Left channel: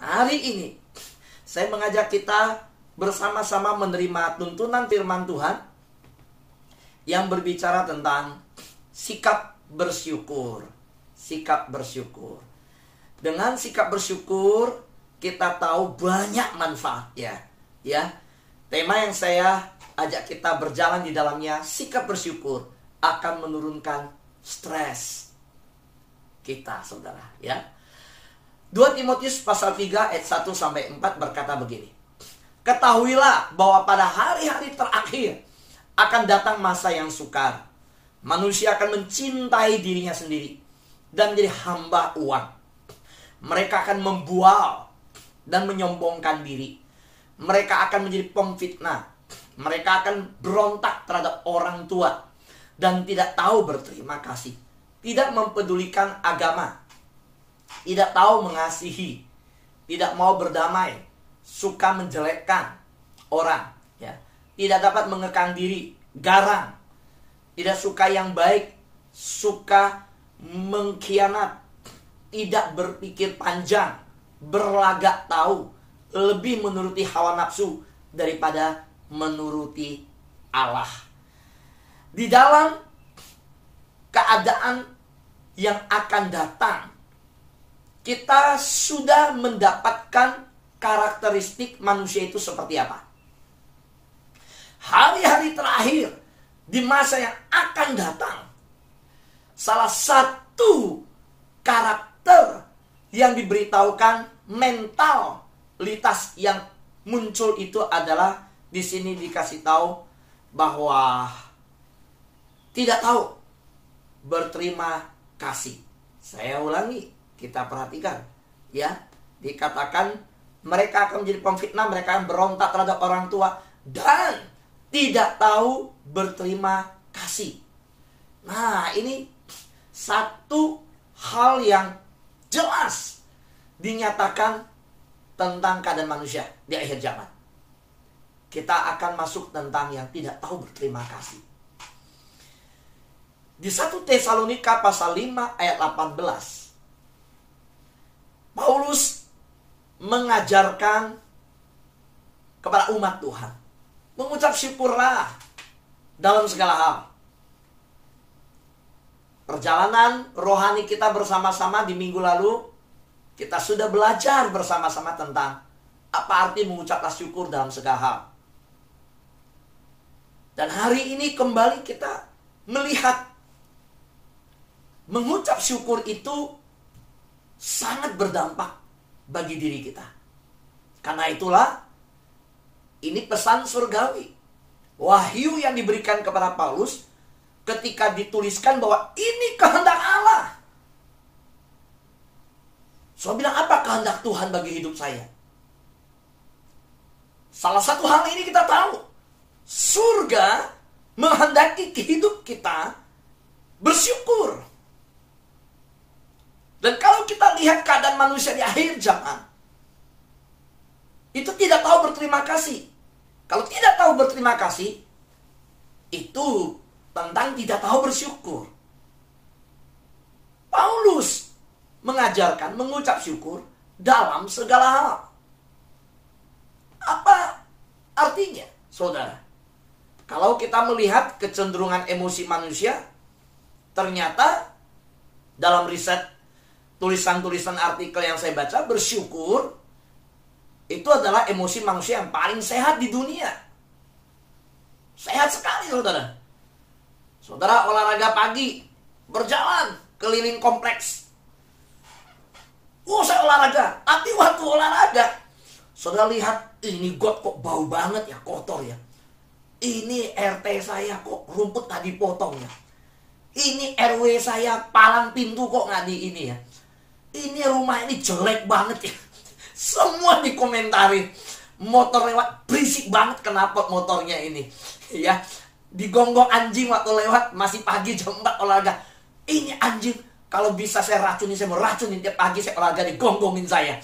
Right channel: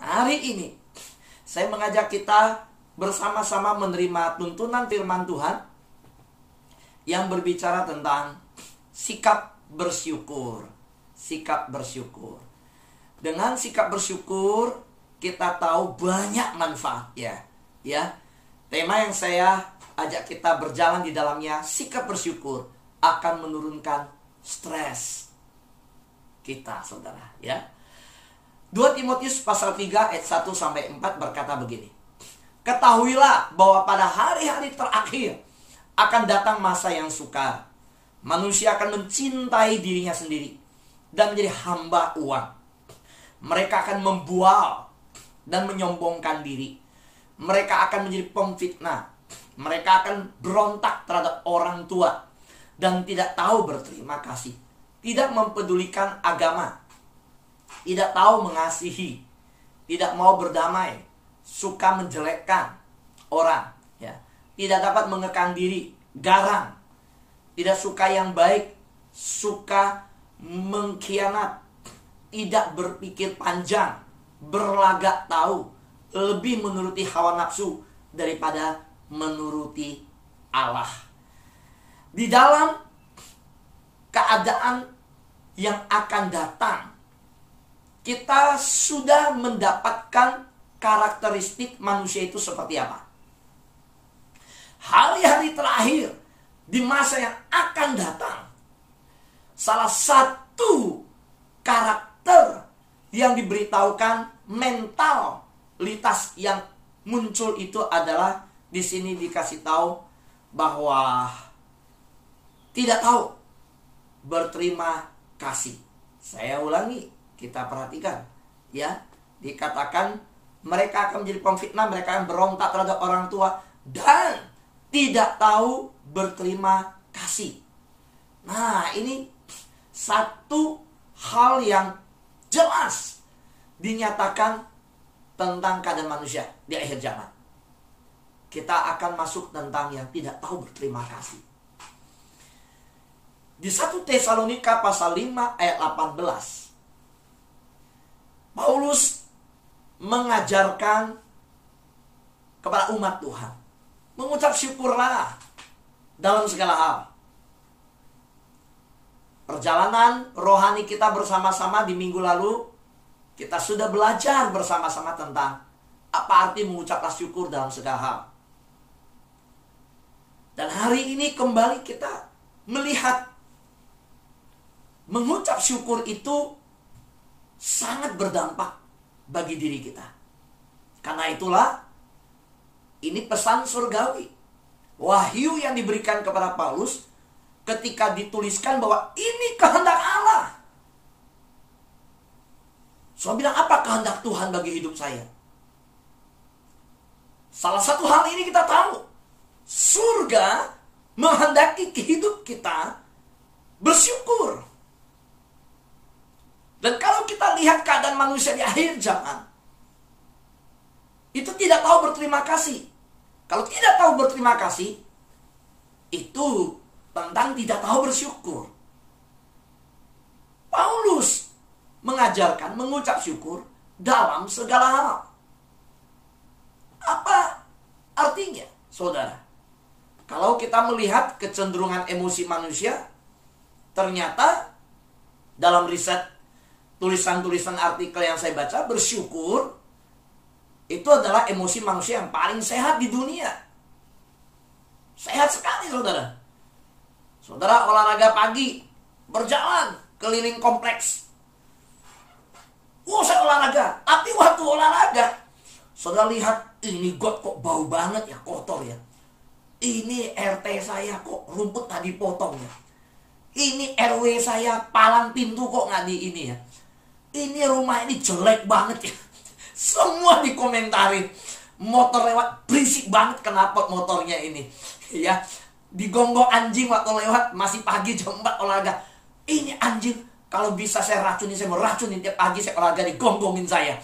Hari ini saya mengajak kita bersama-sama menerima tuntunan firman Tuhan yang berbicara tentang sikap bersyukur. Sikap bersyukur. Dengan sikap bersyukur kita tahu banyak manfaatnya, ya. Tema yang saya ajak kita berjalan di dalamnya, sikap bersyukur akan menurunkan stres kita, saudara, ya. 2 Timotius pasal 3 ayat 1 sampai 4 berkata begini. Ketahuilah bahwa pada hari-hari terakhir akan datang masa yang sukar. Manusia akan mencintai dirinya sendiri dan menjadi hamba uang. Mereka akan membual dan menyombongkan diri. Mereka akan menjadi pemfitnah. Mereka akan berontak terhadap orang tua dan tidak tahu berterima kasih. Tidak mempedulikan agama. Tidak tahu mengasihi, tidak mau berdamai, suka menjelekkan orang, ya. Tidak dapat mengekang diri, garang, tidak suka yang baik, suka mengkhianat, tidak berpikir panjang, berlagak tahu, lebih menuruti hawa nafsu daripada menuruti Allah. Di dalam keadaan yang akan datang, kita sudah mendapatkan karakteristik manusia itu seperti apa. Hari-hari terakhir di masa yang akan datang, salah satu karakter yang diberitahukan, mentalitas yang muncul itu adalah di sini dikasih tahu bahwa tidak tahu berterima kasih. Saya ulangi. Kita perhatikan, ya, dikatakan mereka akan menjadi pemfitnah, mereka akan berontak terhadap orang tua dan tidak tahu berterima kasih. Nah, ini satu hal yang jelas dinyatakan tentang keadaan manusia di akhir zaman. Kita akan masuk tentang yang tidak tahu berterima kasih. Di 1 Tesalonika pasal 5 ayat 18, Paulus mengajarkan kepada umat Tuhan, mengucap syukurlah dalam segala hal. Perjalanan rohani kita bersama-sama di minggu lalu, kita sudah belajar bersama-sama tentang apa arti mengucaplah syukur dalam segala hal. Dan hari ini kembali kita melihat mengucap syukur itu sangat berdampak bagi diri kita. Karena itulah ini pesan surgawi. Wahyu yang diberikan kepada Paulus ketika dituliskan bahwa ini kehendak Allah. So bilang, apa kehendak Tuhan bagi hidup saya? Salah satu hal ini kita tahu. Surga menghendaki hidup kita bersyukur. Dan kalau kita lihat keadaan manusia di akhir zaman, itu tidak tahu berterima kasih. Kalau tidak tahu berterima kasih, itu tentang tidak tahu bersyukur. Paulus mengajarkan mengucap syukur dalam segala hal. Apa artinya, saudara? Kalau kita melihat kecenderungan emosi manusia, ternyata dalam riset tulisan-tulisan artikel yang saya baca, bersyukur itu adalah emosi manusia yang paling sehat di dunia. Sehat sekali, saudara. Saudara olahraga pagi, berjalan keliling kompleks. Saya olahraga. Tapi waktu olahraga, saudara lihat, ini got kok bau banget ya, kotor ya. Ini RT saya kok rumput nggak dipotong ya. Ini RW saya palang pintu kok nggak di ini ya. Ini rumah ini jelek banget ya. Semua dikomentarin. Motor lewat berisik banget, kenapa motornya ini ya. Digonggong anjing waktu lewat, masih pagi jam 4 olahraga. Ini anjing, kalau bisa saya racunin, saya mau racunin tiap pagi saya olahraga, digonggongin saya.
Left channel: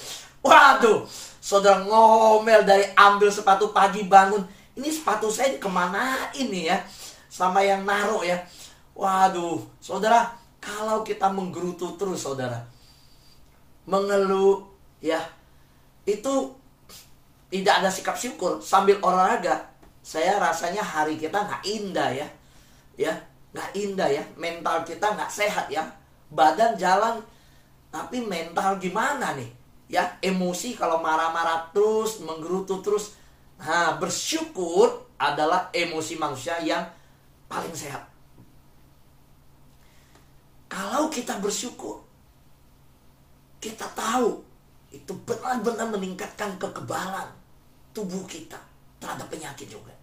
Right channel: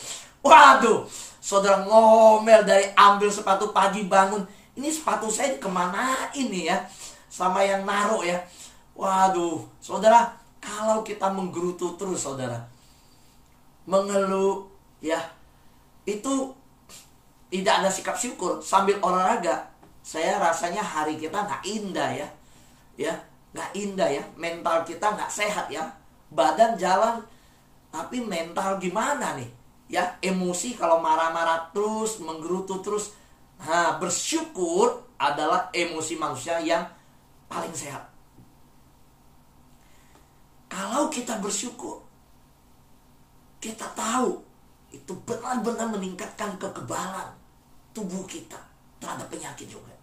Waduh, saudara ngomel dari ambil sepatu pagi bangun. Ini sepatu saya kemana ini ya, sama yang naruh ya. Waduh, saudara, kalau kita menggerutu terus, saudara, mengeluh ya, itu tidak ada sikap syukur sambil olahraga, saya rasanya hari kita nggak indah ya. Ya, nggak indah ya. Mental kita nggak sehat ya. Badan jalan, tapi mental gimana nih? Ya, emosi kalau marah-marah terus, menggerutu terus. Nah, bersyukur adalah emosi manusia yang paling sehat. Kalau kita bersyukur, kita tahu itu benar-benar meningkatkan kekebalan tubuh kita terhadap penyakit juga.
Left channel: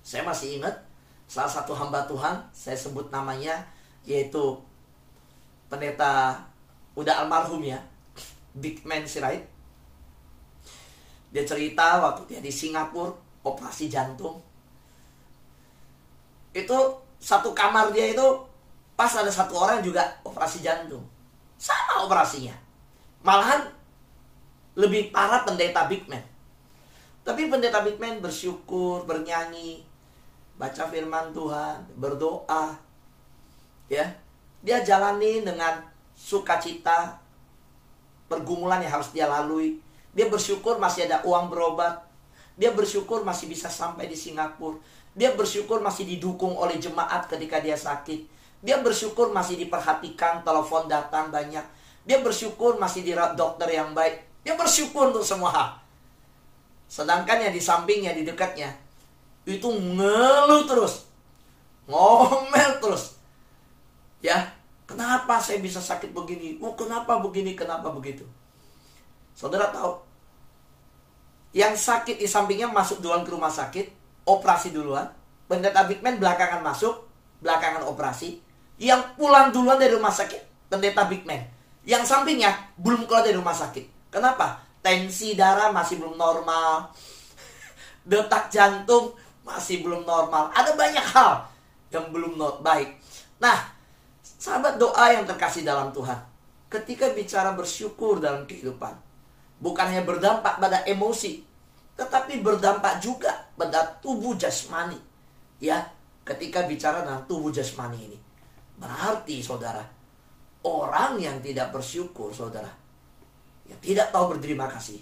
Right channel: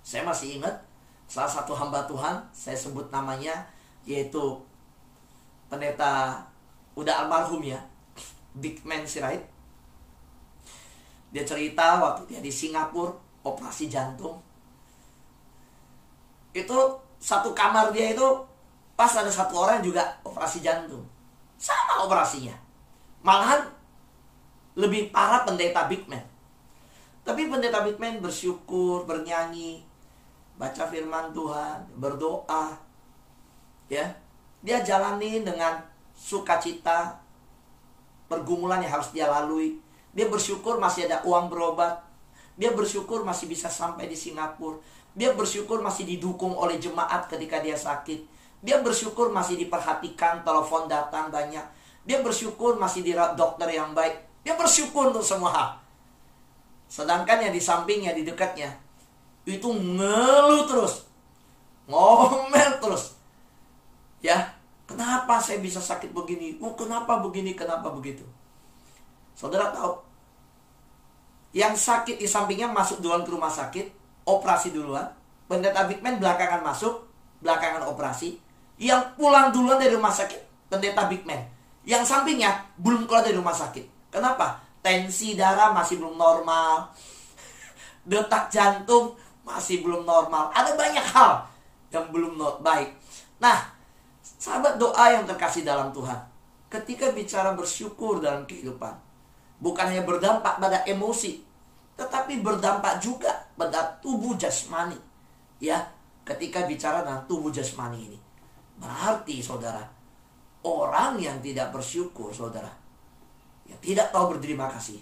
Saya masih ingat salah satu hamba Tuhan, saya sebut namanya, yaitu pendeta udah almarhum ya, Bigman Sirait. Dia cerita waktu dia di Singapura operasi jantung. Itu satu kamar dia itu pas ada satu orang juga operasi jantung. Sama operasinya. Malahan lebih parah pendeta Bigman. Tapi pendeta Bigman bersyukur, bernyanyi, baca firman Tuhan, berdoa. Ya. Dia jalani dengan sukacita pergumulan yang harus dia lalui. Dia bersyukur masih ada uang berobat. Dia bersyukur masih bisa sampai di Singapura. Dia bersyukur masih didukung oleh jemaat ketika dia sakit. Dia bersyukur masih diperhatikan, telepon datang banyak. Dia bersyukur masih dirawat dokter yang baik. Dia bersyukur untuk semua hal. Sedangkan yang di sampingnya, di dekatnya, itu ngeluh terus, ngomel terus. Ya, kenapa saya bisa sakit begini? Oh, kenapa begini, kenapa begitu? Saudara tahu, yang sakit di sampingnya masuk duluan ke rumah sakit, operasi duluan. Pendeta Bigman belakangan masuk, belakangan operasi. Yang pulang duluan dari rumah sakit, pendeta Bigman. Yang sampingnya belum keluar dari rumah sakit. Kenapa? Tensi darah masih belum normal, detak jantung masih belum normal. Ada banyak hal yang belum baik. Nah, sahabat doa yang terkasih dalam Tuhan, ketika bicara bersyukur dalam kehidupan, bukan hanya berdampak pada emosi, tetapi berdampak juga pada tubuh jasmani. Ya, ketika bicara tentang tubuh jasmani ini, berarti saudara, orang yang tidak bersyukur, saudara, yang tidak tahu berterima kasih,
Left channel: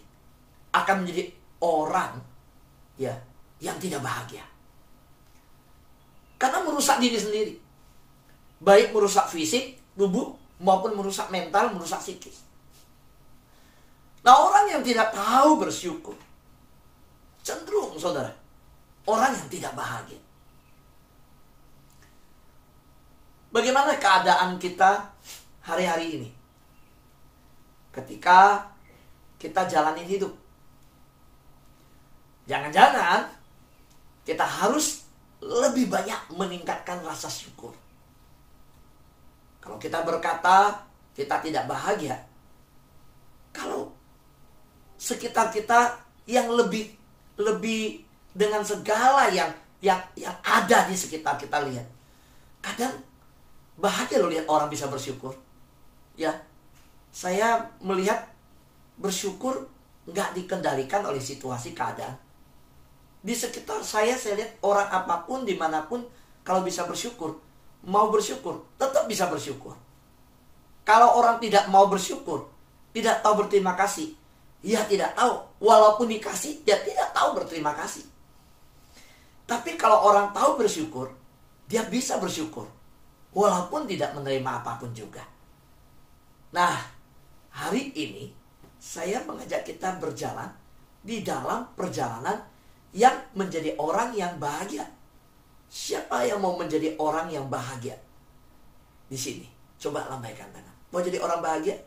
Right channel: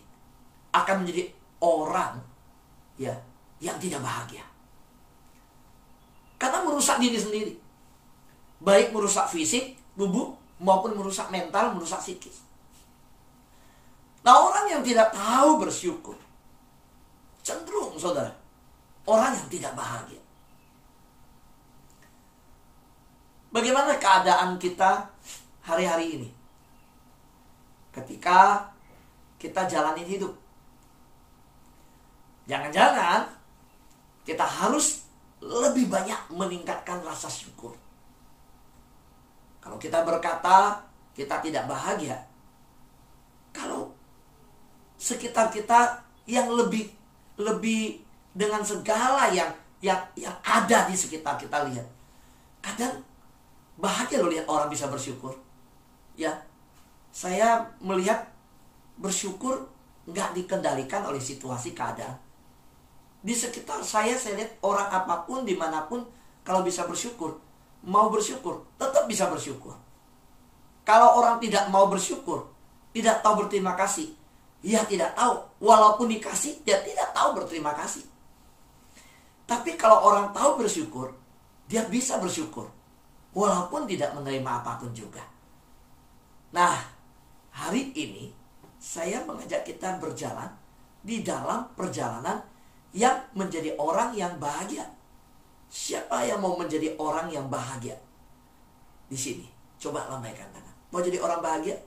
akan menjadi orang ya yang tidak bahagia. Karena merusak diri sendiri. Baik merusak fisik, tubuh, maupun merusak mental, merusak psikis. Nah, orang yang tidak tahu bersyukur, cenderung, saudara, orang yang tidak bahagia. Bagaimana keadaan kita hari-hari ini? Ketika kita jalanin hidup. Jangan-jangan kita harus lebih banyak meningkatkan rasa syukur. Kalau kita berkata kita tidak bahagia, kalau sekitar kita yang lebih dengan segala yang ada di sekitar kita lihat, kadang bahagia loh lihat orang bisa bersyukur. Ya, saya melihat bersyukur nggak dikendalikan oleh situasi keadaan. Di sekitar saya lihat orang apapun, dimanapun, kalau bisa bersyukur, mau bersyukur, tetap bisa bersyukur. Kalau orang tidak mau bersyukur, tidak tahu berterima kasih, ya tidak tahu. Walaupun dikasih, dia tidak tahu berterima kasih. Tapi kalau orang tahu bersyukur, dia bisa bersyukur, walaupun tidak menerima apapun juga. Nah, hari ini saya mengajak kita berjalan di dalam perjalanan yang menjadi orang yang bahagia. Siapa yang mau menjadi orang yang bahagia? Di sini, coba lambaikan tangan. Mau jadi orang bahagia?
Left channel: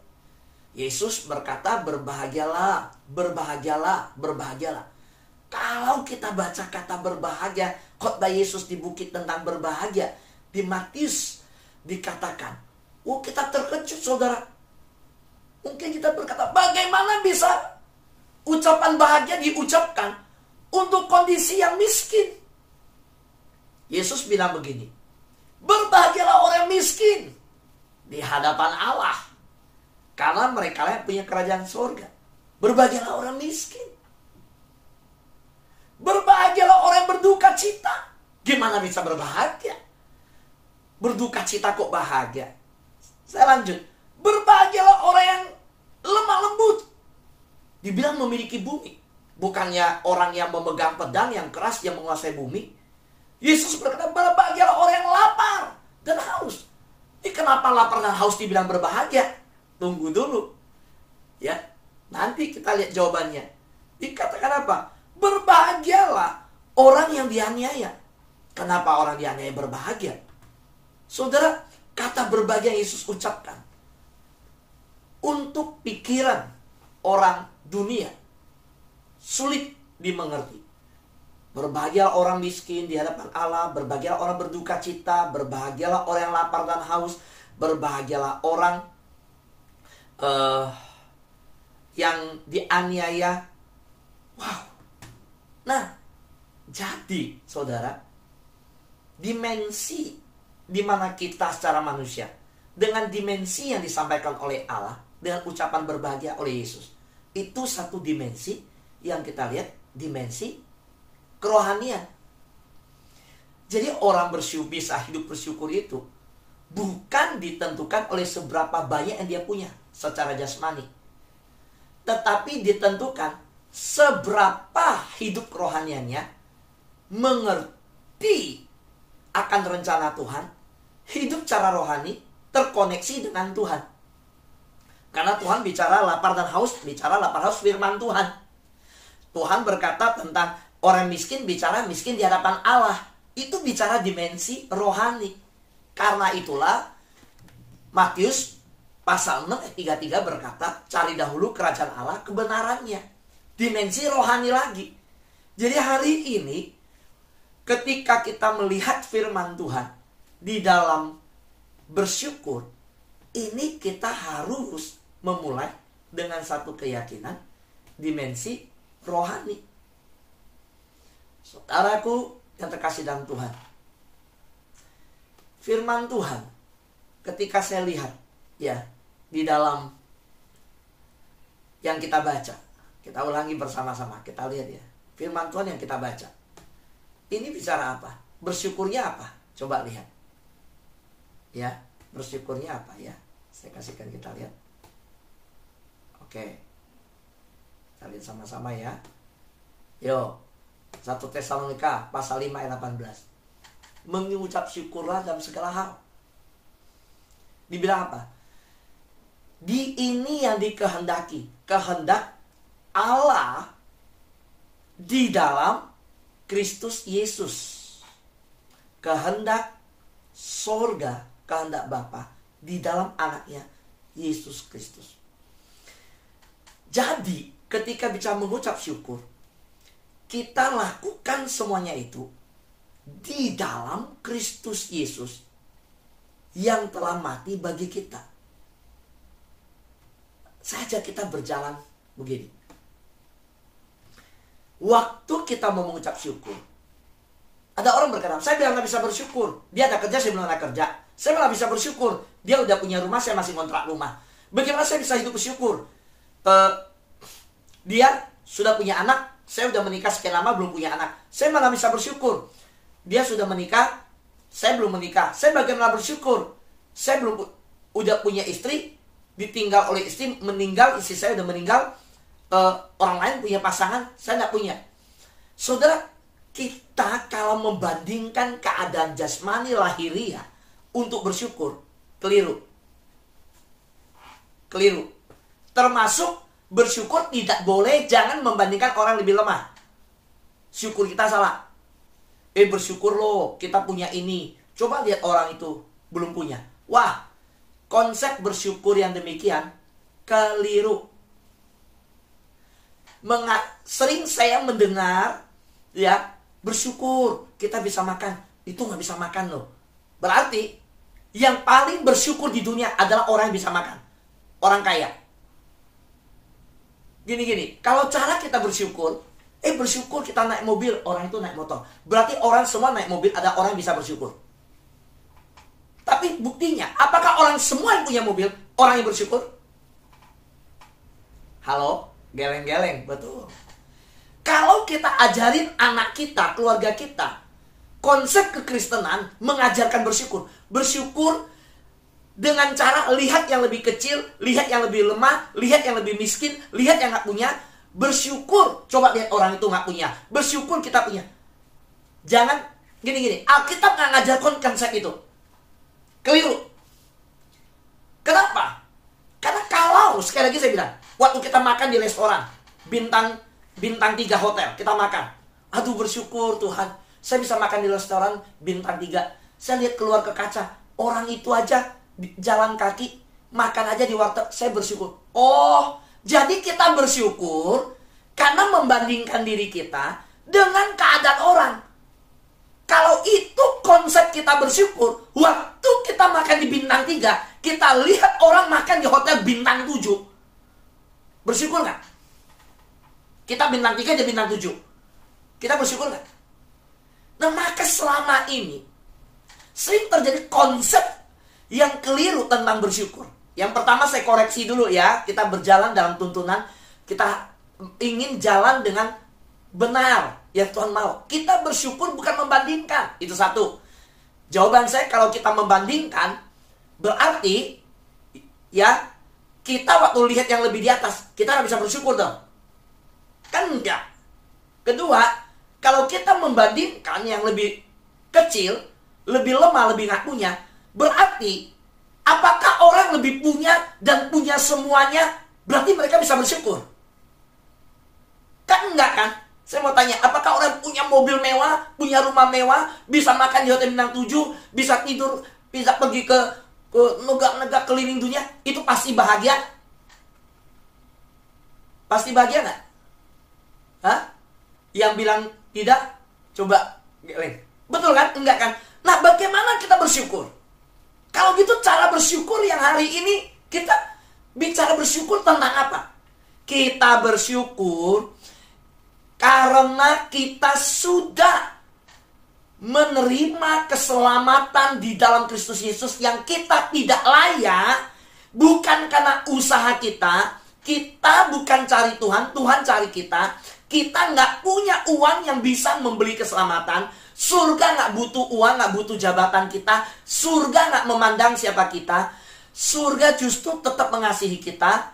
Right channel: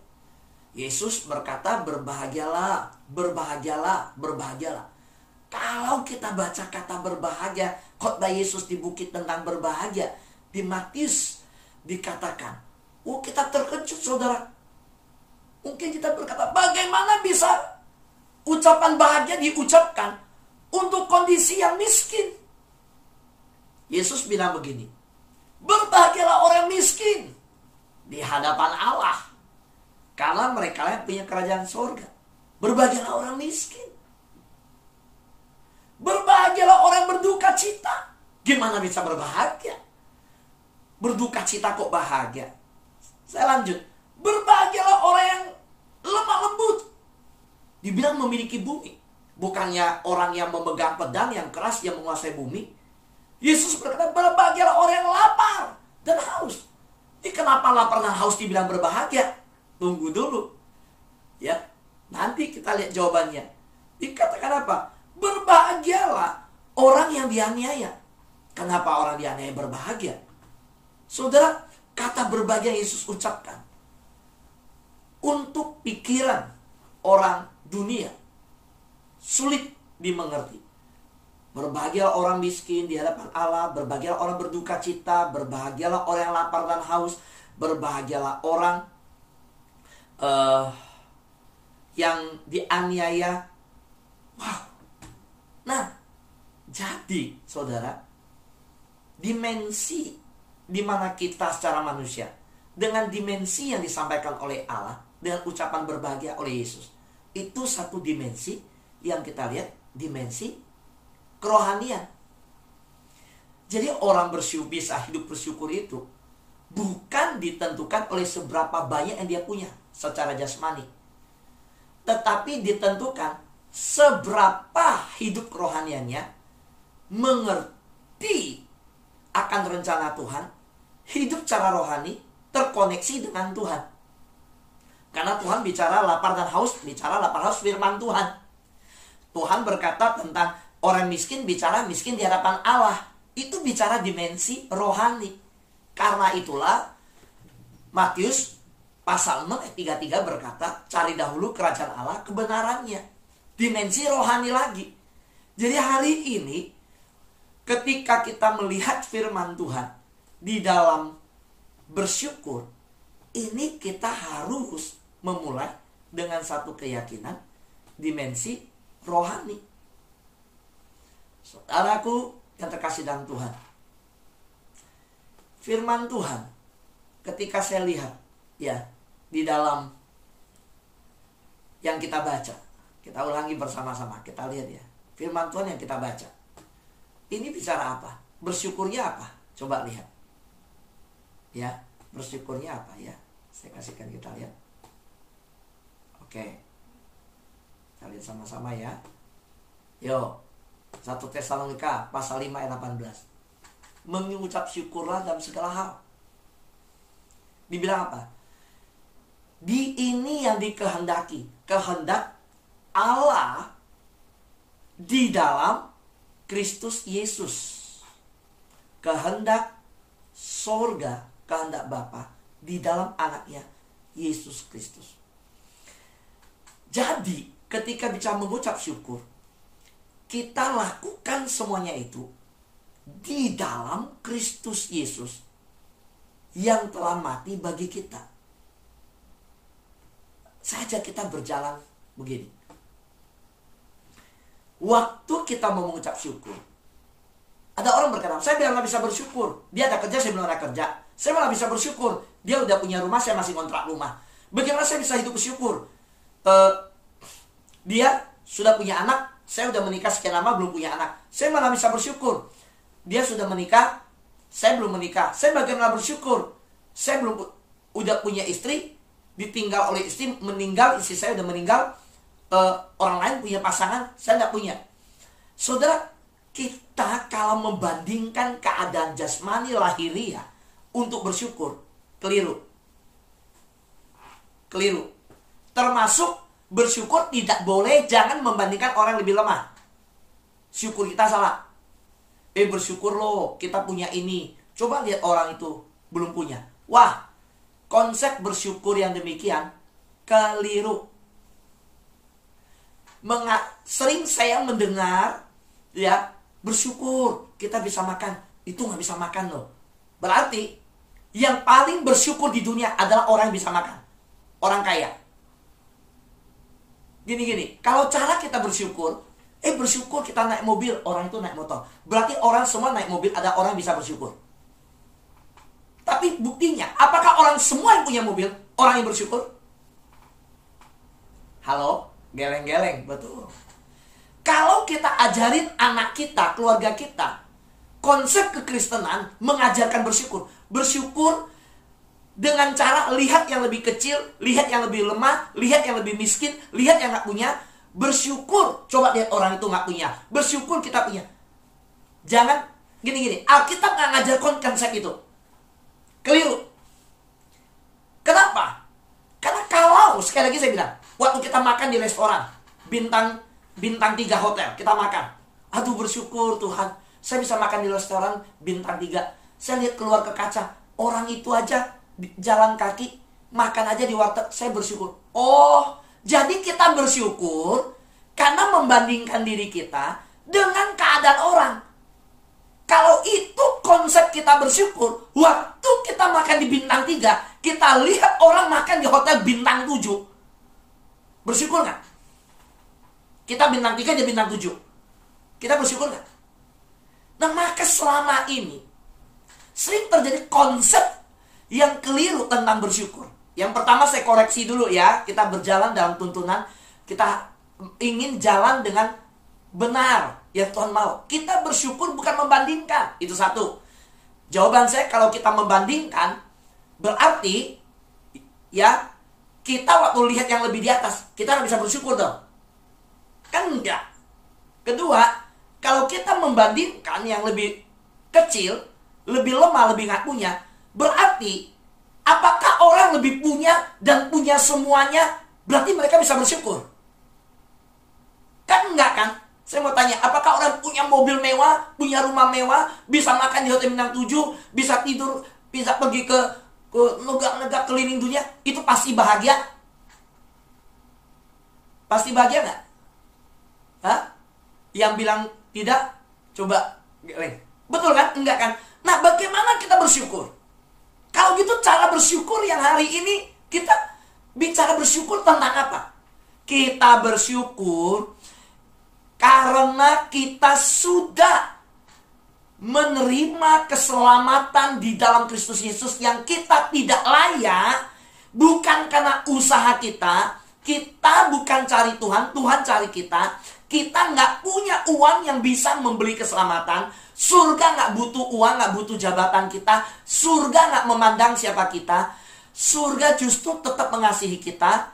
Yesus berkata, berbahagialah, berbahagialah, berbahagialah. Kalau kita baca kata berbahagia, khotbah Yesus di bukit tentang berbahagia, di Matius dikatakan, oh kita terkejut saudara. Mungkin kita berkata, bagaimana bisa ucapan bahagia diucapkan untuk kondisi yang miskin? Yesus bilang begini, berbahagialah orang miskin di hadapan Allah, karena mereka yang punya kerajaan surga. Berbahagialah orang miskin. Berbahagialah orang berduka cita. Gimana bisa berbahagia? Berduka cita kok bahagia? Saya lanjut. Berbahagialah orang yang lemah lembut. Dibilang memiliki bumi. Bukannya orang yang memegang pedang yang keras yang menguasai bumi. Yesus berkata, berbahagialah orang yang lapar dan haus. Ini kenapa lapar dan haus dibilang berbahagia? Tunggu dulu. Ya, nanti kita lihat jawabannya. Dikatakan apa? Berbahagialah orang yang dianiaya. Kenapa orang dianiaya berbahagia? Saudara, kata berbahagia Yesus ucapkan untuk pikiran orang dunia sulit dimengerti. Berbahagialah orang miskin di hadapan Allah, berbahagialah orang berduka cita, berbahagialah orang yang lapar dan haus, berbahagialah orang yang dianiaya. Wow. Nah, jadi saudara, dimensi di mana kita secara manusia dengan dimensi yang disampaikan oleh Allah dengan ucapan berbahagia oleh Yesus, itu satu dimensi yang kita lihat, dimensi kerohanian. Jadi orang bersyukur, bisa hidup bersyukur itu bukan ditentukan oleh seberapa banyak yang dia punya secara jasmani, tetapi ditentukan seberapa hidup kerohaniannya mengerti akan rencana Tuhan, hidup cara rohani, terkoneksi dengan Tuhan. Karena Tuhan bicara lapar dan haus, bicara lapar haus firman Tuhan. Tuhan berkata tentang orang miskin, bicara miskin di hadapan Allah. Itu bicara dimensi rohani. Karena itulah Matius pasal 6 ayat 33 berkata, cari dahulu kerajaan Allah, kebenarannya. Dimensi rohani lagi. Jadi hari ini ketika kita melihat firman Tuhan di dalam bersyukur, ini kita harus memulai dengan satu keyakinan dimensi rohani. Saudaraku yang terkasih dalam Tuhan, firman Tuhan ketika saya lihat ya di dalam yang kita baca, kita ulangi bersama-sama, kita lihat ya firman Tuhan yang kita baca. Ini bicara apa? Bersyukurnya apa? Coba lihat. Ya, bersyukurnya apa ya? Saya kasihkan kita lihat. Oke. Kita lihat sama-sama ya. Yo. 1 Tesalonika pasal 5 ayat 18. Mengucap syukurlah dalam segala hal. Dibilang apa? Di ini yang dikehendaki. Kehendak Allah di dalam Kristus Yesus. Kehendak sorga, kehendak Bapa di dalam anaknya Yesus Kristus. Jadi ketika bicara mengucap syukur, kita lakukan semuanya itu di dalam Kristus Yesus yang telah mati bagi kita. Saja kita berjalan begini. Waktu kita mau mengucap syukur, ada orang berkata, saya bilang gak bisa bersyukur. Dia ada kerja, saya belum ada kerja. Saya malah bisa bersyukur. Dia udah punya rumah, saya masih kontrak rumah. Bagaimana saya bisa hidup bersyukur? Dia sudah punya anak, saya udah menikah sekian lama belum punya anak. Saya malah bisa bersyukur. Dia sudah menikah, saya belum menikah. Saya bagaimana bersyukur? Saya belum udah punya istri, ditinggal oleh istri, meninggal, istri saya udah meninggal. Orang lain punya pasangan, saya tidak punya. Saudara, kita kalau membandingkan keadaan jasmani lahiriah untuk bersyukur, keliru. Termasuk bersyukur tidak boleh, jangan membandingkan orang lebih lemah. Syukur kita salah. Bersyukur loh, kita punya ini. Coba lihat orang itu belum punya. Wah, konsep bersyukur yang demikian keliru. Sering saya mendengar ya, bersyukur kita bisa makan, itu nggak bisa makan loh. Berarti yang paling bersyukur di dunia adalah orang yang bisa makan, orang kaya. Gini, kalau cara kita bersyukur, bersyukur kita naik mobil, orang itu naik motor. Berarti orang semua naik mobil, ada orang yang bisa bersyukur. Tapi buktinya, apakah orang semua yang punya mobil, orang yang bersyukur? Halo? Geleng-geleng, betul. Kalau kita ajarin anak kita, keluarga kita, konsep kekristenan mengajarkan bersyukur. Bersyukur dengan cara lihat yang lebih kecil, lihat yang lebih lemah, lihat yang lebih miskin, lihat yang gak punya. Bersyukur. Coba lihat orang itu nggak punya. Bersyukur kita punya. Jangan gini-gini. Alkitab nggak ngajar konsep itu. Keliru. Kenapa? Karena kalau, sekali lagi saya bilang, waktu kita makan di restoran, bintang 3 hotel, kita makan. Aduh bersyukur Tuhan, saya bisa makan di restoran bintang 3. Saya lihat keluar ke kaca, orang itu aja jalan kaki, makan aja di warteg, saya bersyukur. Oh, jadi kita bersyukur karena membandingkan diri kita dengan keadaan orang. Kalau itu konsep kita bersyukur, waktu kita makan di bintang 3, kita lihat orang makan di hotel bintang 7. Bersyukur nggak? Kita bintang 3, dia bintang 7. Kita bersyukur nggak? Nah, maka selama ini sering terjadi konsep yang keliru tentang bersyukur. Yang pertama saya koreksi dulu ya. Kita berjalan dalam tuntunan. Kita ingin jalan dengan benar. Ya Tuhan mau. Kita bersyukur bukan membandingkan. Itu satu. Jawaban saya, kalau kita membandingkan, berarti ya kita waktu lihat yang lebih di atas, kita nggak bisa bersyukur dong. Kan enggak. Kedua, kalau kita membandingkan yang lebih kecil, lebih lemah, lebih nggak punya, berarti apakah orang lebih punya dan punya semuanya, berarti mereka bisa bersyukur? Kan enggak kan? Saya mau tanya, apakah orang punya mobil mewah, punya rumah mewah, bisa makan di hotel bintang 7, bisa tidur, bisa pergi ke negara keliling dunia, itu pasti bahagia? Pasti bahagia nggak? Hah? Yang bilang tidak, coba geleng. Betul kan? Enggak kan? Nah, bagaimana kita bersyukur? Kalau gitu cara bersyukur yang hari ini kita bicara bersyukur tentang apa? Kita bersyukur karena kita sudah menerima keselamatan di dalam Kristus Yesus yang kita tidak layak, bukan karena usaha kita. Kita bukan cari Tuhan, Tuhan cari kita. Kita nggak punya uang yang bisa membeli keselamatan. Surga nggak butuh uang, nggak butuh jabatan kita. Surga nggak memandang siapa kita. Surga justru tetap mengasihi kita.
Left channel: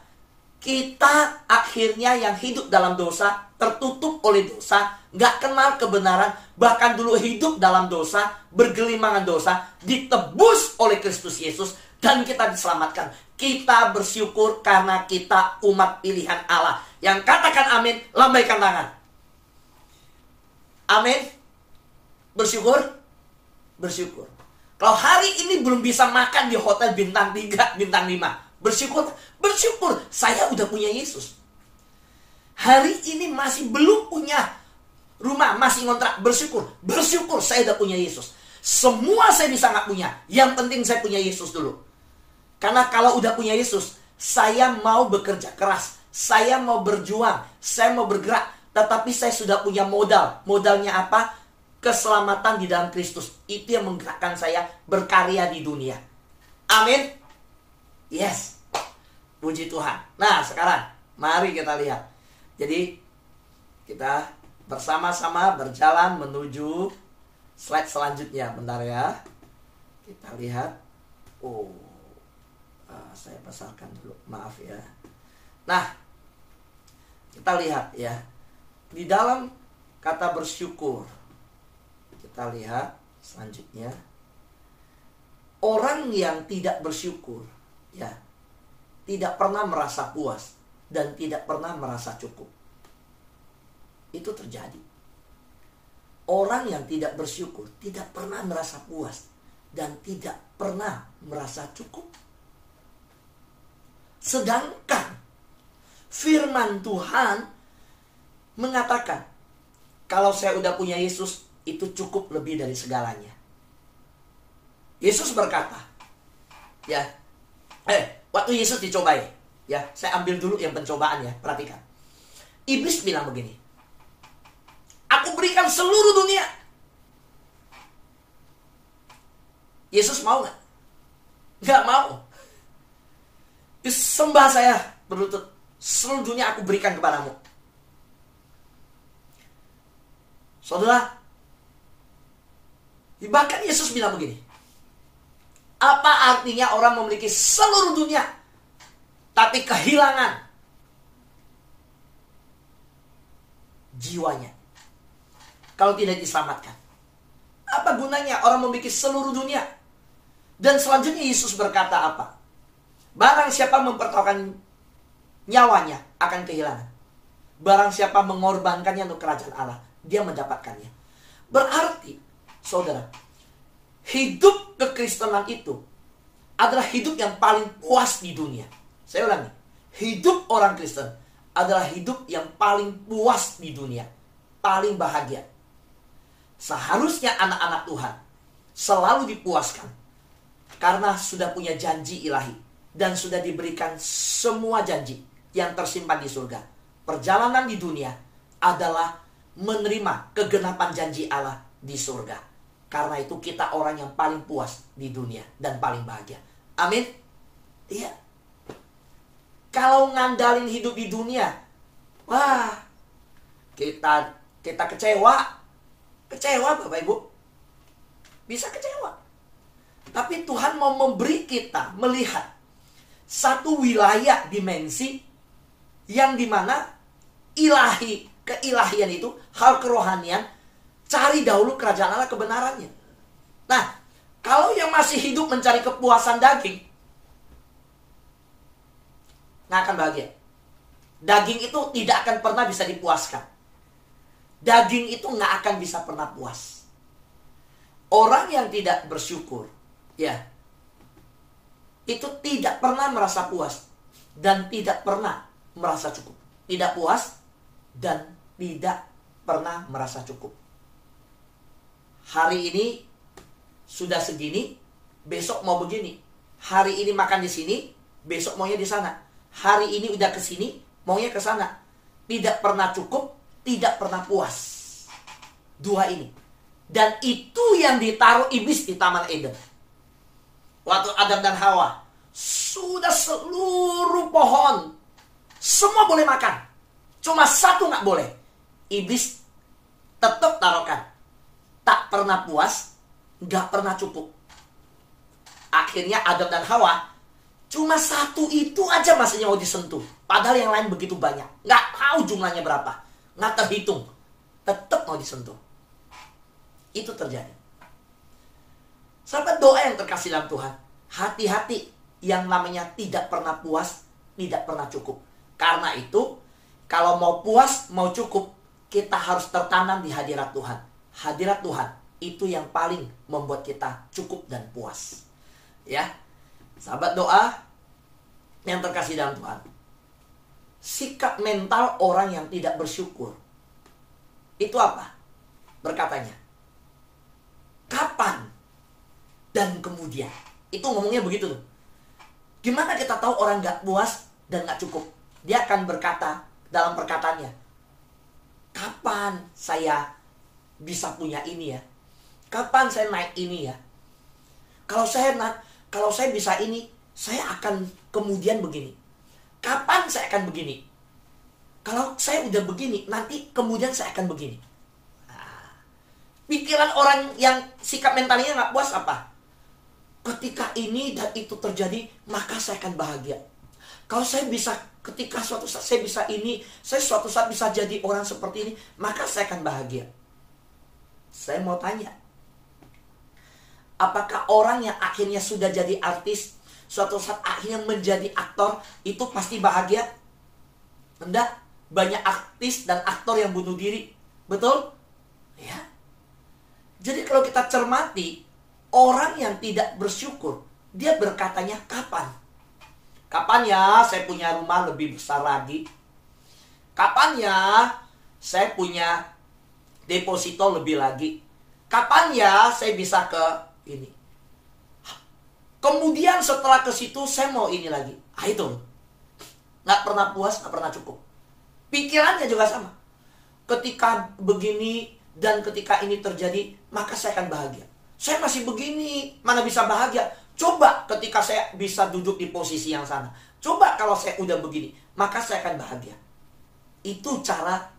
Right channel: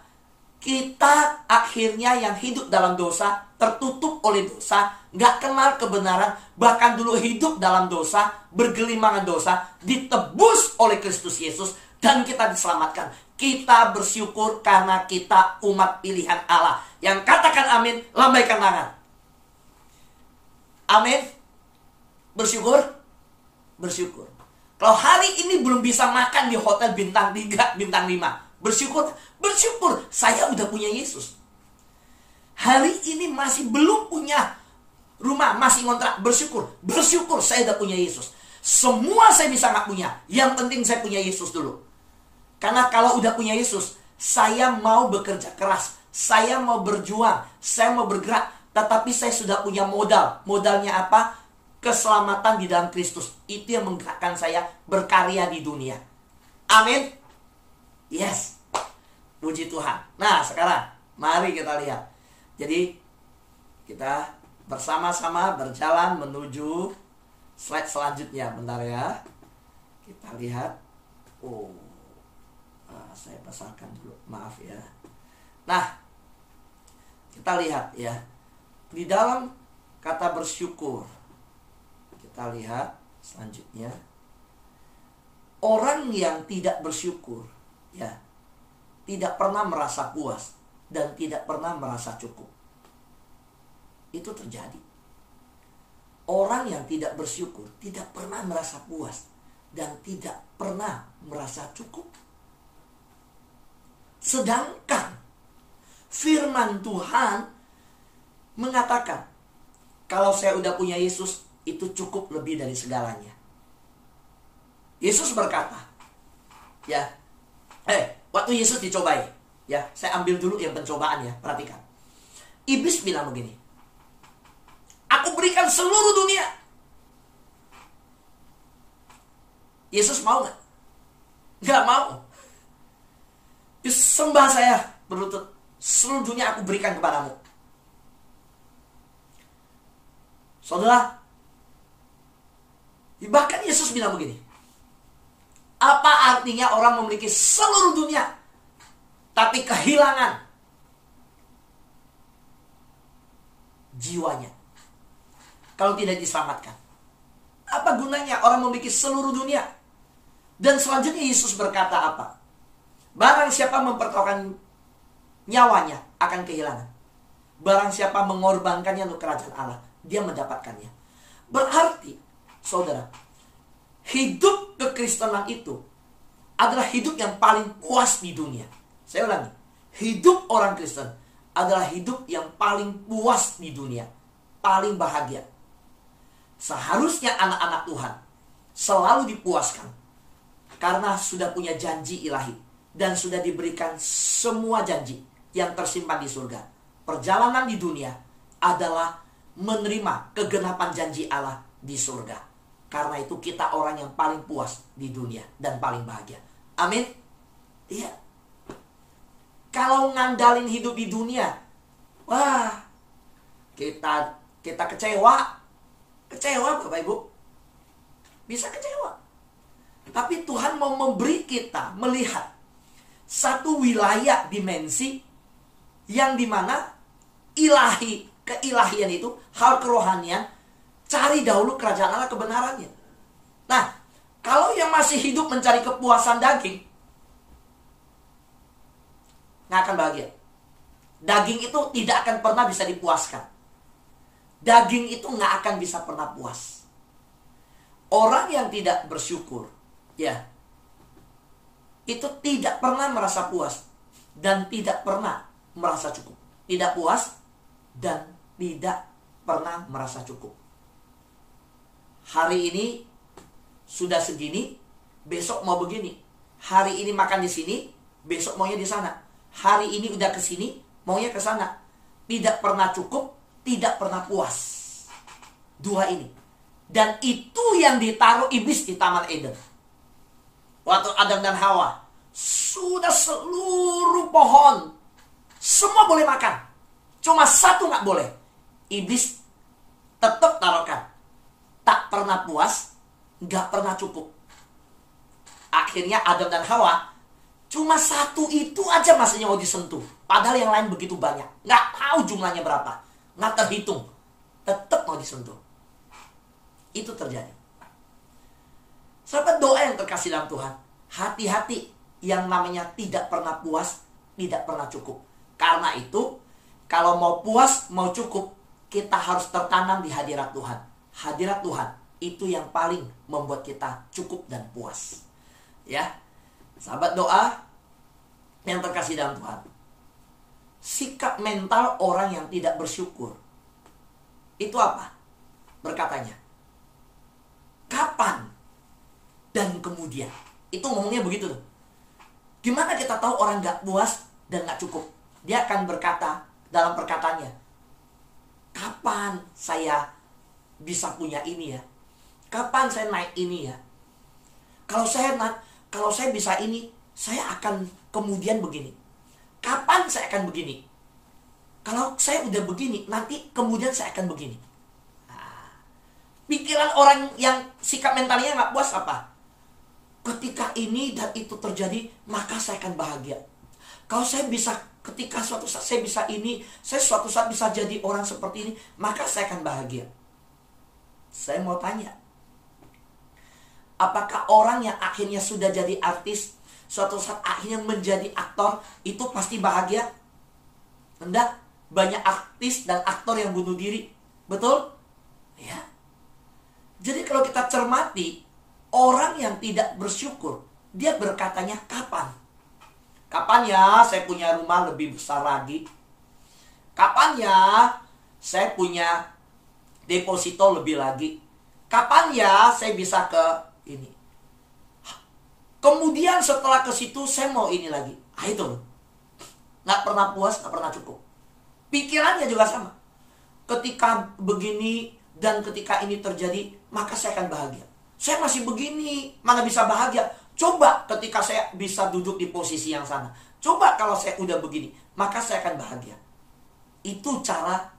Kita akhirnya yang hidup dalam dosa, tertutup oleh dosa, nggak kenal kebenaran, bahkan dulu hidup dalam dosa, bergelimangan dosa, ditebus oleh Kristus Yesus, dan kita diselamatkan. Kita bersyukur karena kita umat pilihan Allah. Yang katakan amin, lambaikan tangan. Amin. Bersyukur. Bersyukur. Kalau hari ini belum bisa makan di hotel bintang 3, bintang 5, bersyukur. Bersyukur, saya udah punya Yesus. Hari ini masih belum punya rumah, masih ngontrak, bersyukur. Bersyukur, saya udah punya Yesus. Semua saya bisa nggak punya, yang penting saya punya Yesus dulu. Karena kalau udah punya Yesus, saya mau bekerja keras, saya mau berjuang, saya mau bergerak, tetapi saya sudah punya modal. Modalnya apa? Keselamatan di dalam Kristus. Itu yang menggerakkan saya berkarya di dunia. Amin. Yes. Puji Tuhan. Nah, sekarang mari kita lihat. Jadi kita bersama-sama berjalan menuju slide selanjutnya. Bentar ya. Kita lihat. Saya besarkan dulu, maaf ya. Nah, kita lihat ya. Di dalam kata bersyukur, kita lihat selanjutnya. Orang yang tidak bersyukur, ya, tidak pernah merasa puas dan tidak pernah merasa cukup. Itu terjadi. Orang yang tidak bersyukur tidak pernah merasa puas dan tidak pernah merasa cukup. Sedangkan firman Tuhan mengatakan, kalau saya udah punya Yesus, itu cukup lebih dari segalanya. Yesus berkata, ya, waktu Yesus dicobai, ya, saya ambil dulu yang pencobaan ya, perhatikan. Iblis bilang begini, aku berikan seluruh dunia. Yesus mau gak? Gak mau. Sembah saya berlutut, seluruh dunia aku berikan kepadamu. Saudara, bahkan Yesus bilang begini, apa artinya orang memiliki seluruh dunia tapi kehilangan jiwanya kalau tidak diselamatkan. Apa gunanya orang memiliki seluruh dunia? Dan selanjutnya Yesus berkata apa? Barang siapa mempertaruhkan nyawanya akan kehilangan. Barang siapa mengorbankannya untuk kerajaan Allah, dia mendapatkannya. Berarti, saudara, hidup kekristenan itu adalah hidup yang paling puas di dunia. Saya ulangi, hidup orang Kristen adalah hidup yang paling puas di dunia, paling bahagia. Seharusnya anak-anak Tuhan selalu dipuaskan karena sudah punya janji ilahi dan sudah diberikan semua janji yang tersimpan di surga. Perjalanan di dunia adalah menerima kegenapan janji Allah di surga. Karena itu kita orang yang paling puas di dunia dan paling bahagia. Amin. Iya. Kalau ngandalin hidup di dunia, wah, kita kecewa. Kecewa Bapak Ibu. Bisa kecewa. Tapi Tuhan mau memberi kita melihat satu wilayah dimensi yang dimana keilahian itu, hal kerohanian, cari dahulu kerajaan Allah, kebenarannya. Nah, kalau yang masih hidup mencari kepuasan daging, nggak akan bahagia. Daging itu tidak akan pernah bisa dipuaskan. Daging itu nggak akan bisa pernah puas. Orang yang tidak bersyukur, ya, itu tidak pernah merasa puas dan tidak pernah merasa cukup. Tidak puas dan tidak pernah merasa cukup. Hari ini sudah segini, besok mau begini. Hari ini makan di sini, besok maunya di sana. Hari ini udah ke sini, maunya ke sana. Tidak pernah cukup, tidak pernah puas. Dua ini. Dan itu yang ditaruh iblis di Taman Eden. Waktu Adam dan Hawa sudah seluruh pohon semua boleh makan, cuma satu nggak boleh. Iblis tetap taruhkan. Tak pernah puas, nggak pernah cukup. Akhirnya Adam dan Hawa cuma satu itu aja masanya mau disentuh. Padahal yang lain begitu banyak. Nggak tahu jumlahnya berapa. Nggak terhitung. Tetap mau disentuh. Itu terjadi. Sahabat, doa yang terkasih dalam Tuhan, hati-hati yang namanya tidak pernah puas, tidak pernah cukup. Karena itu, kalau mau puas, mau cukup, kita harus tertanam di hadirat Tuhan. Hadirat Tuhan itu yang paling membuat kita cukup dan puas. Ya, sahabat, doa yang terkasih dalam Tuhan, sikap mental orang yang tidak bersyukur itu apa? Berkatanya, kapan dan kemudian. Itu ngomongnya begitu tuh. Gimana kita tahu orang gak puas dan gak cukup? Dia akan berkata dalam perkataannya, kapan saya bisa punya ini ya? Kapan saya naik ini ya? Kalau saya bisa ini, saya akan kemudian begini. Kapan saya akan begini? Kalau saya udah begini, nanti kemudian saya akan begini. Nah, pikiran orang yang sikap mentalnya gak puas apa? Ketika ini dan itu terjadi, maka saya akan bahagia. Kalau saya bisa, ketika suatu saat saya bisa ini, saya suatu saat bisa jadi orang seperti ini, maka saya akan bahagia. Saya mau tanya, apakah orang yang akhirnya sudah jadi artis, suatu saat akhirnya menjadi aktor, itu pasti bahagia? Enggak. Banyak artis dan aktor yang bunuh diri. Betul? Ya. Jadi kalau kita cermati, orang yang tidak bersyukur, dia berkatanya kapan? Kapan ya saya punya rumah lebih besar lagi? Kapan ya saya punya deposito lebih lagi? Kapan ya saya bisa ke ini? Kemudian setelah ke situ saya mau ini lagi. Itu loh. Nggak pernah puas, nggak pernah cukup. Pikirannya juga sama. Ketika begini dan ketika ini terjadi, maka saya akan bahagia. Saya masih begini, mana bisa bahagia? Coba ketika saya bisa duduk di posisi yang sana. Coba kalau saya udah begini, maka saya akan bahagia. Itu cara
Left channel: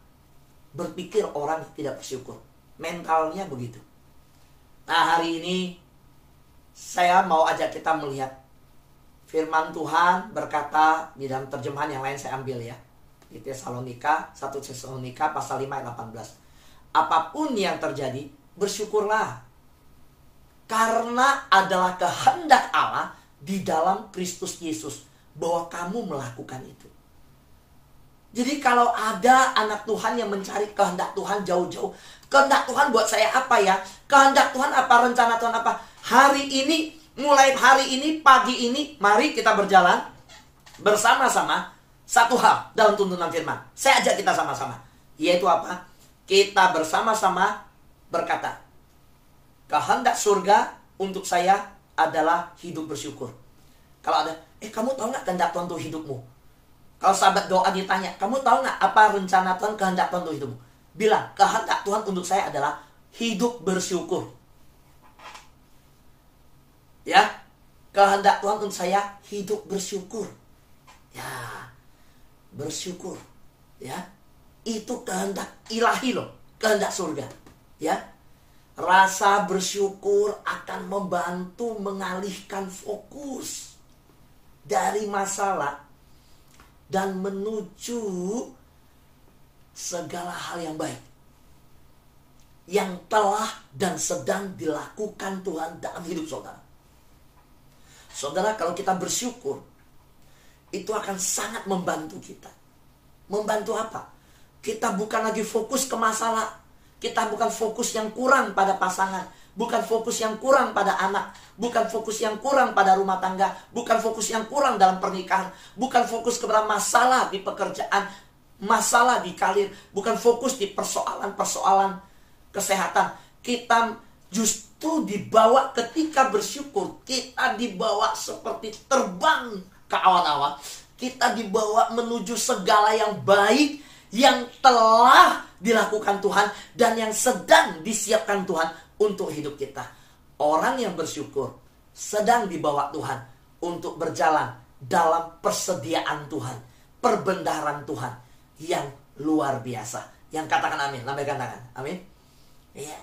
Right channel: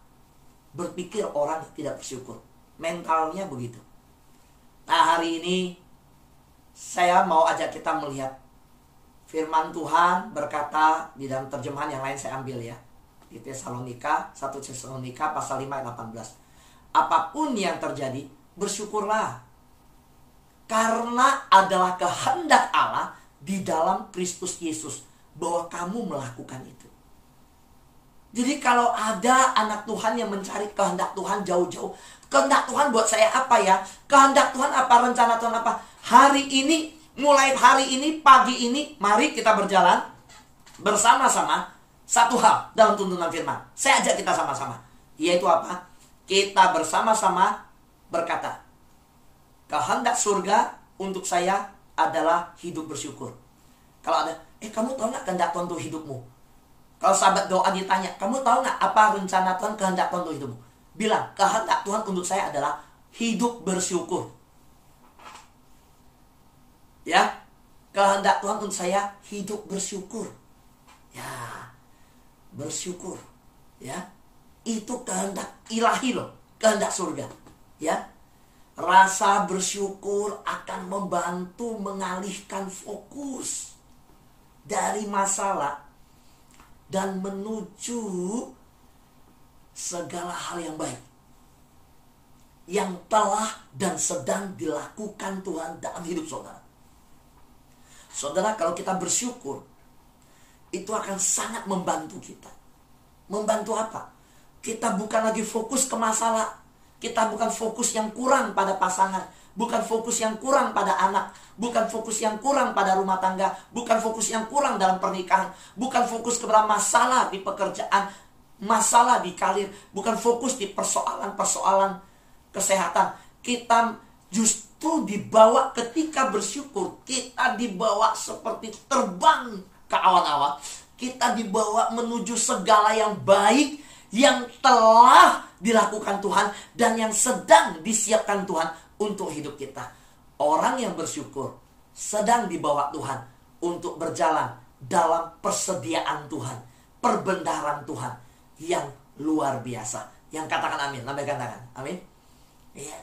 berpikir orang yang tidak bersyukur. Mentalnya begitu. Nah, hari ini saya mau ajak kita melihat firman Tuhan berkata di dalam terjemahan yang lain, saya ambil ya. Di Tesalonika, 1 Tesalonika pasal 5 ayat 18. Apapun yang terjadi, bersyukurlah. Karena adalah kehendak Allah di dalam Kristus Yesus bahwa kamu melakukan itu. Jadi kalau ada anak Tuhan yang mencari kehendak Tuhan jauh-jauh, kehendak Tuhan buat saya apa ya? Kehendak Tuhan apa? Rencana Tuhan apa? Hari ini, mulai hari ini, pagi ini, mari kita berjalan bersama-sama. Satu hal dalam tuntunan firman, saya ajak kita sama-sama, yaitu apa? Kita bersama-sama berkata, kehendak surga untuk saya adalah hidup bersyukur. Kalau ada, kamu tahu nggak kehendak Tuhan untuk hidupmu? Kalau sahabat doa ditanya, kamu tahu nggak apa rencana Tuhan, kehendak Tuhan untuk hidupmu? Bilang, kehendak Tuhan untuk saya adalah hidup bersyukur. Ya, kehendak Tuhan untuk saya hidup bersyukur. Ya, bersyukur, ya, itu kehendak ilahi loh, kehendak surga, ya. Rasa bersyukur akan membantu mengalihkan fokus dari masalah dan menuju segala hal yang baik yang telah dan sedang dilakukan Tuhan dalam hidup saudara. Saudara, kalau kita bersyukur, itu akan sangat membantu kita. Membantu apa? Kita bukan lagi fokus ke masalah. Kita bukan fokus yang kurang pada pasangan. Bukan fokus yang kurang pada anak. Bukan fokus yang kurang pada rumah tangga. Bukan fokus yang kurang dalam pernikahan. Bukan fokus kepada masalah di pekerjaan. Masalah di karir. Bukan fokus di persoalan-persoalan kesehatan. Kita justru dibawa ketika bersyukur. Kita dibawa seperti terbang ke awan-awan. Kita dibawa menuju segala yang baik yang telah dilakukan Tuhan dan yang sedang disiapkan Tuhan untuk hidup kita. Orang yang bersyukur sedang dibawa Tuhan untuk berjalan dalam persediaan Tuhan, perbendaharaan Tuhan yang luar biasa. Yang katakan amin, lambaikan tangan. Amin. Iya.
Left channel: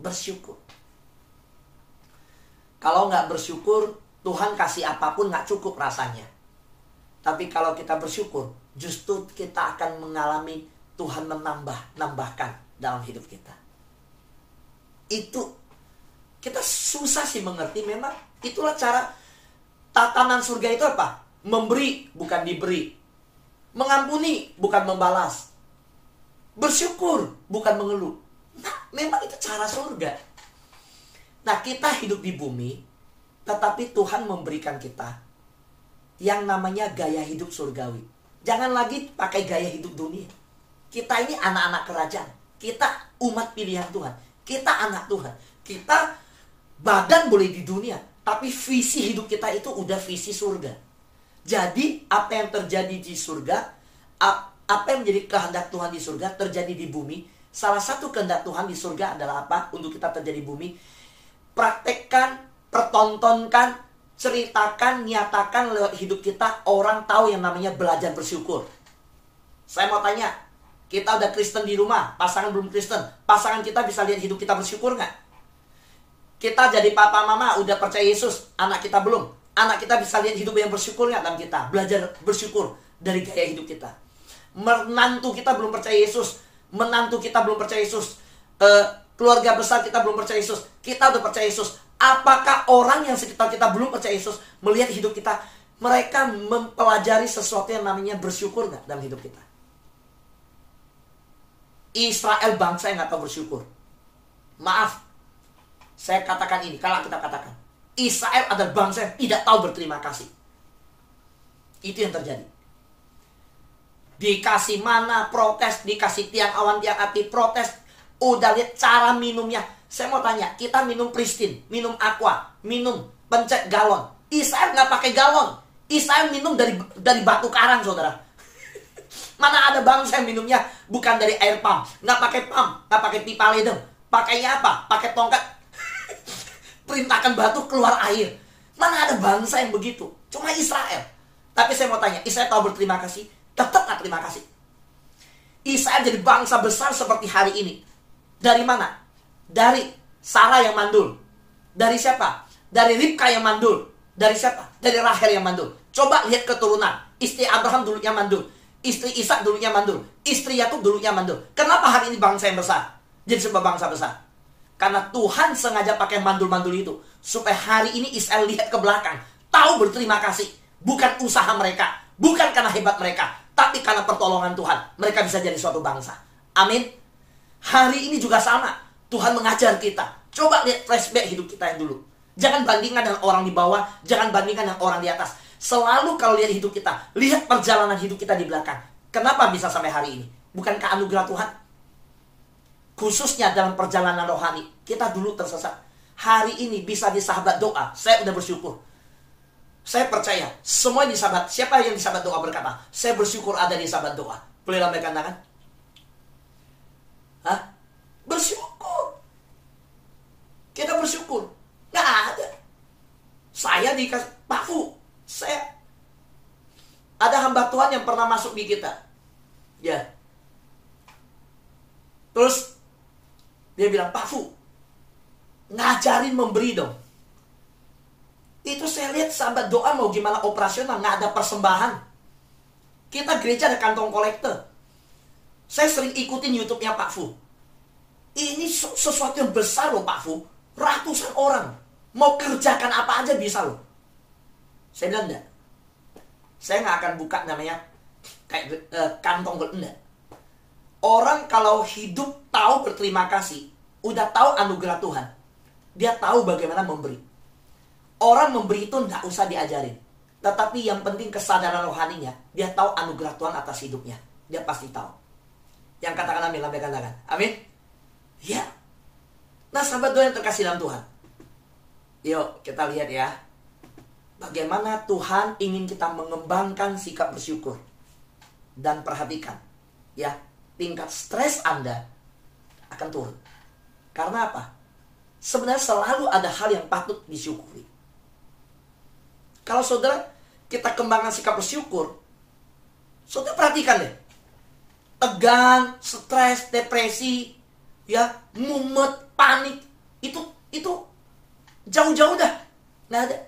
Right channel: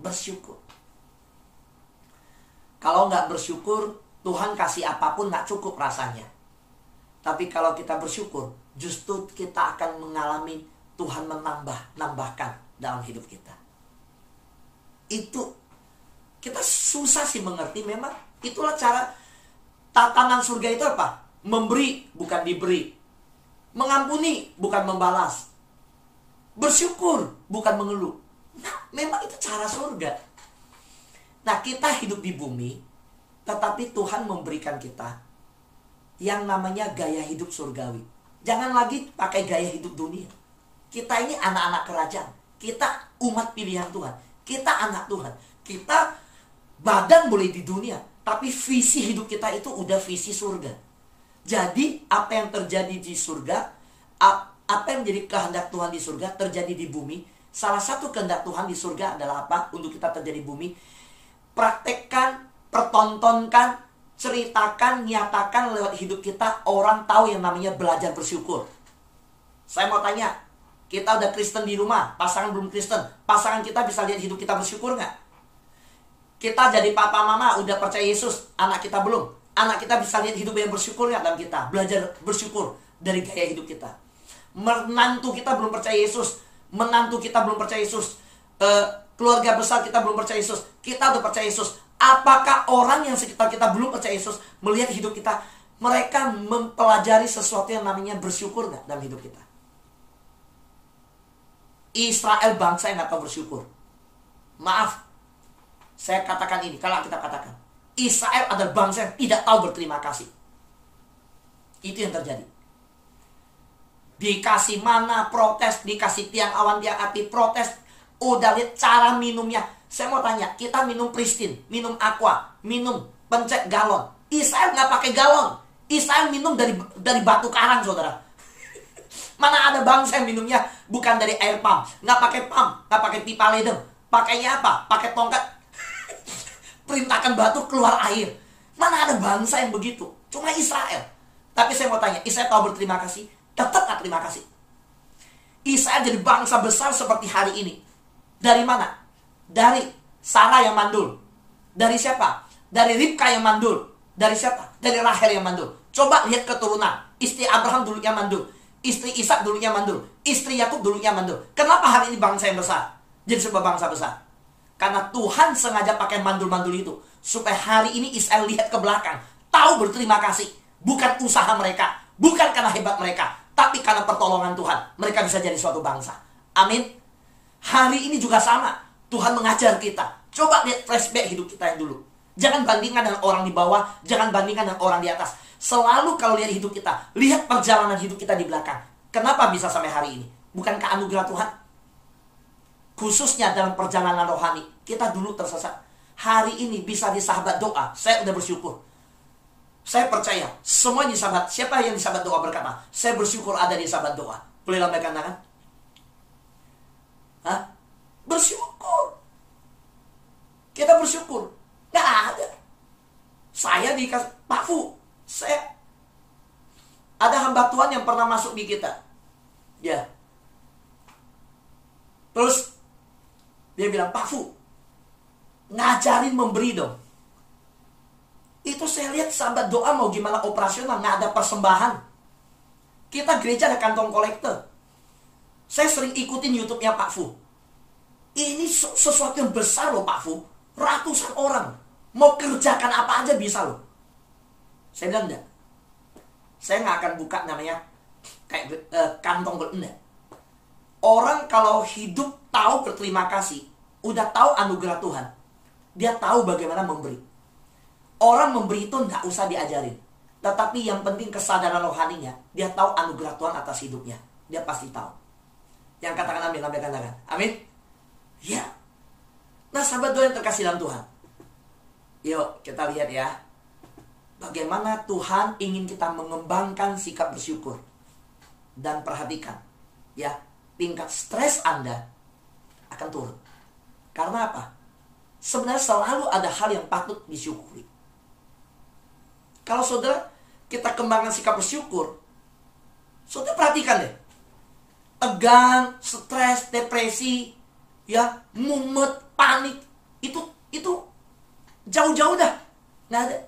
Bersyukur. Kalau nggak bersyukur, Tuhan kasih apapun nggak cukup rasanya. Tapi kalau kita bersyukur, justru kita akan mengalami Tuhan menambahkan dalam hidup kita. Itu kita susah sih mengerti, memang itulah cara tatanan surga itu apa? Memberi bukan diberi. Mengampuni bukan membalas. Bersyukur bukan mengeluh. Nah, memang itu cara surga. Nah, kita hidup di bumi, tetapi Tuhan memberikan kita yang namanya gaya hidup surgawi. Jangan lagi pakai gaya hidup dunia. Kita ini anak-anak kerajaan. Kita umat pilihan Tuhan. Kita anak Tuhan. Kita badan boleh di dunia, tapi visi hidup kita itu udah visi surga. Jadi apa yang terjadi di surga, apa yang menjadi kehendak Tuhan di surga terjadi di bumi. Salah satu kehendak Tuhan di surga adalah apa? Untuk kita terjadi di bumi. Praktekkan, pertontonkan, ceritakan, nyatakan lewat hidup kita. Orang tahu yang namanya belajar bersyukur. Saya mau tanya, kita udah Kristen di rumah, pasangan belum Kristen, pasangan kita bisa lihat hidup kita bersyukur nggak? Kita jadi papa mama udah percaya Yesus, anak kita belum. Anak kita bisa lihat hidup yang bersyukur nggak dalam kita? Belajar bersyukur dari gaya hidup kita. Menantu kita belum percaya Yesus, menantu kita belum percaya Yesus, keluarga besar kita belum percaya Yesus, kita udah percaya Yesus. Apakah orang yang sekitar kita belum percaya Yesus melihat hidup kita, mereka mempelajari sesuatu yang namanya bersyukur nggak dalam hidup kita? Israel bangsa yang nggak tahu bersyukur. Maaf, saya katakan ini, kalau kita katakan Israel adalah bangsa yang tidak tahu berterima kasih. Itu yang terjadi. Dikasih mana protes, dikasih tiang awan, tiang api protes. Udah lihat cara minumnya. Saya mau tanya, kita minum Pristine, minum Aqua, minum pencet galon. Israel nggak pakai galon. Israel minum dari batu karang, saudara. Mana ada bangsa yang minumnya bukan dari air pump, nggak pakai pump, nggak pakai pipa ledeng. Pakainya apa? Pakai tongkat. Perintahkan batu keluar air. Mana ada bangsa yang begitu? Cuma Israel. Tapi saya mau tanya, Israel tahu berterima kasih? Tetap nggak terima kasih. Israel jadi bangsa besar seperti hari ini. Dari mana? Dari Sarah yang mandul. Dari siapa? Dari Ribka yang mandul. Dari siapa? Dari Rahel yang mandul. Coba lihat keturunan. Istri Abraham dulu yang mandul. Istri Ishak dulunya mandul, istri Yakub dulunya mandul. Kenapa hari ini bangsa yang besar jadi sebuah bangsa besar? Karena Tuhan sengaja pakai mandul-mandul itu supaya hari ini Israel lihat ke belakang, tahu berterima kasih. Bukan usaha mereka, bukan karena hebat mereka, tapi karena pertolongan Tuhan mereka bisa jadi suatu bangsa. Amin. Hari ini juga sama. Tuhan mengajar kita. Coba lihat flashback hidup kita yang dulu. Jangan bandingkan dengan orang di bawah, jangan bandingkan dengan orang di atas. Selalu kalau lihat hidup kita, lihat perjalanan hidup kita di belakang. Kenapa bisa sampai hari ini? Bukankah anugerah Tuhan? Khususnya dalam perjalanan rohani, kita dulu tersesat. Hari ini bisa di sahabat doa. Saya udah bersyukur. Saya percaya semua di sahabat. Siapa yang di sahabat doa berkata, saya bersyukur ada di sahabat doa. Boleh lambaikan tangan? Hah? Bersyukur. Kita bersyukur. Nggak ada. Saya dikasih Pak Fu. Saya ada hamba Tuhan yang pernah masuk di kita. Ya. Terus dia bilang, Pak Fu, ngajarin memberi dong. Itu saya lihat sahabat doa mau gimana operasional, nggak ada persembahan. Kita gereja ada kantong kolektor. Saya sering ikutin YouTube-nya Pak Fu. Ini sesuatu yang besar loh Pak Fu. Ratusan orang mau kerjakan apa aja bisa loh. Saya bilang enggak. Saya nggak akan buka namanya kayak kantong enggak. Orang kalau hidup tahu berterima kasih, udah tahu anugerah Tuhan, dia tahu bagaimana memberi. Orang memberi itu enggak usah diajarin. Tetapi yang penting kesadaran rohaninya, dia tahu anugerah Tuhan atas hidupnya. Dia pasti tahu. Yang katakan amin, lambaikan tangan. Amin. Ya. Nah sahabat doa yang terkasih dalam Tuhan, yuk kita lihat ya, bagaimana Tuhan ingin kita mengembangkan sikap bersyukur. Dan perhatikan ya, tingkat stres Anda akan turun. Karena apa? Sebenarnya selalu ada hal yang patut disyukuri. Kalau saudara kita kembangkan sikap bersyukur, saudara perhatikan deh, tegang, stres, depresi, ya, mumet, panik, itu jauh-jauh dah, nggak ada.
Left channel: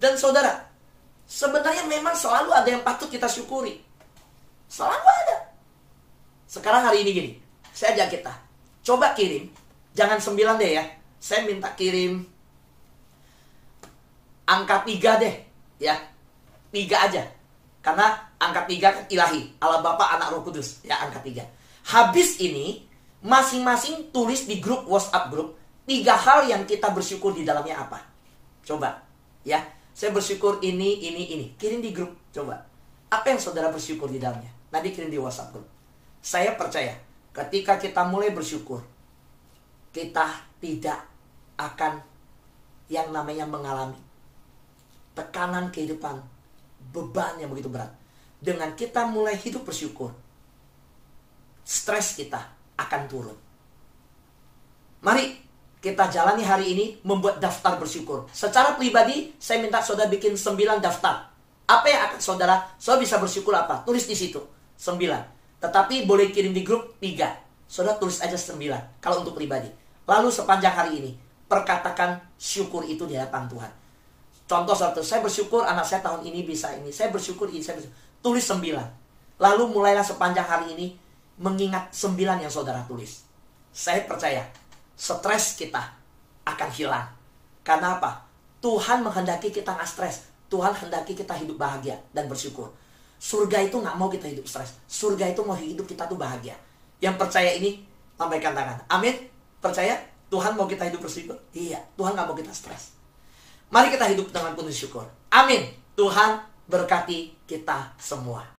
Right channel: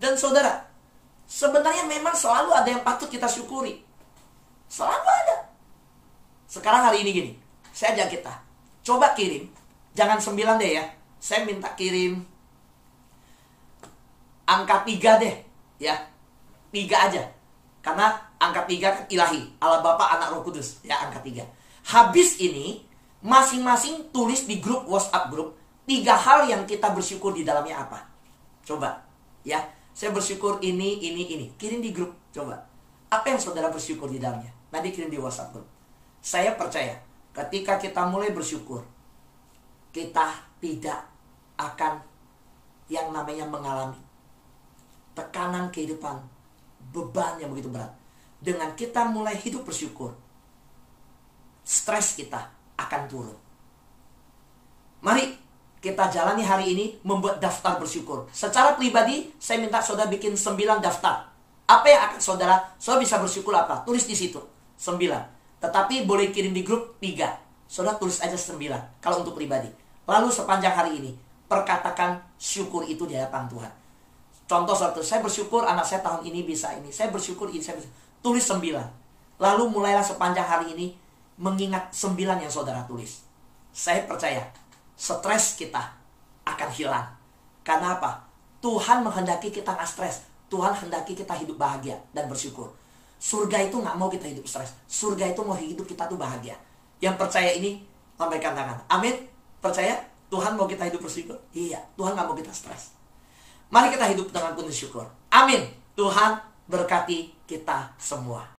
Dan saudara, sebenarnya memang selalu ada yang patut kita syukuri, selalu ada. Sekarang hari ini gini, saya ajak kita, coba kirim, jangan 9 deh ya, saya minta kirim angka 3 deh, ya, 3 aja, karena angka 3 kan ilahi, Allah Bapa, Anak, Roh Kudus, ya angka 3. Habis ini masing-masing tulis di grup WhatsApp grup 3 hal yang kita bersyukur di dalamnya apa. Coba ya, saya bersyukur ini. Kirim di grup, coba. Apa yang saudara bersyukur di dalamnya? Nanti kirim di WhatsApp grup. Saya percaya ketika kita mulai bersyukur, kita tidak akan yang namanya mengalami tekanan kehidupan, beban yang begitu berat. Dengan kita mulai hidup bersyukur, stres kita akan turun. Mari kita jalani hari ini membuat daftar bersyukur. Secara pribadi, saya minta saudara bikin 9 daftar. Apa yang akan saudara bisa bersyukur apa? Tulis di situ, 9. Tetapi boleh kirim di grup 3. Saudara tulis aja 9, kalau untuk pribadi. Lalu sepanjang hari ini, perkatakan syukur itu di hadapan Tuhan. Contoh satu, saya bersyukur anak saya tahun ini bisa ini. Saya bersyukur ini, tulis 9. Lalu mulailah sepanjang hari ini mengingat 9 yang saudara tulis. Saya percaya stres kita akan hilang. Karena apa? Tuhan menghendaki kita gak stres. Tuhan hendaki kita hidup bahagia dan bersyukur. Surga itu gak mau kita hidup stres. Surga itu mau hidup kita tuh bahagia. Yang percaya ini, lambaikan tangan. Amin. Percaya Tuhan mau kita hidup bersyukur? Iya, Tuhan gak mau kita stres. Mari kita hidup dengan penuh syukur. Amin. Tuhan berkati kita semua.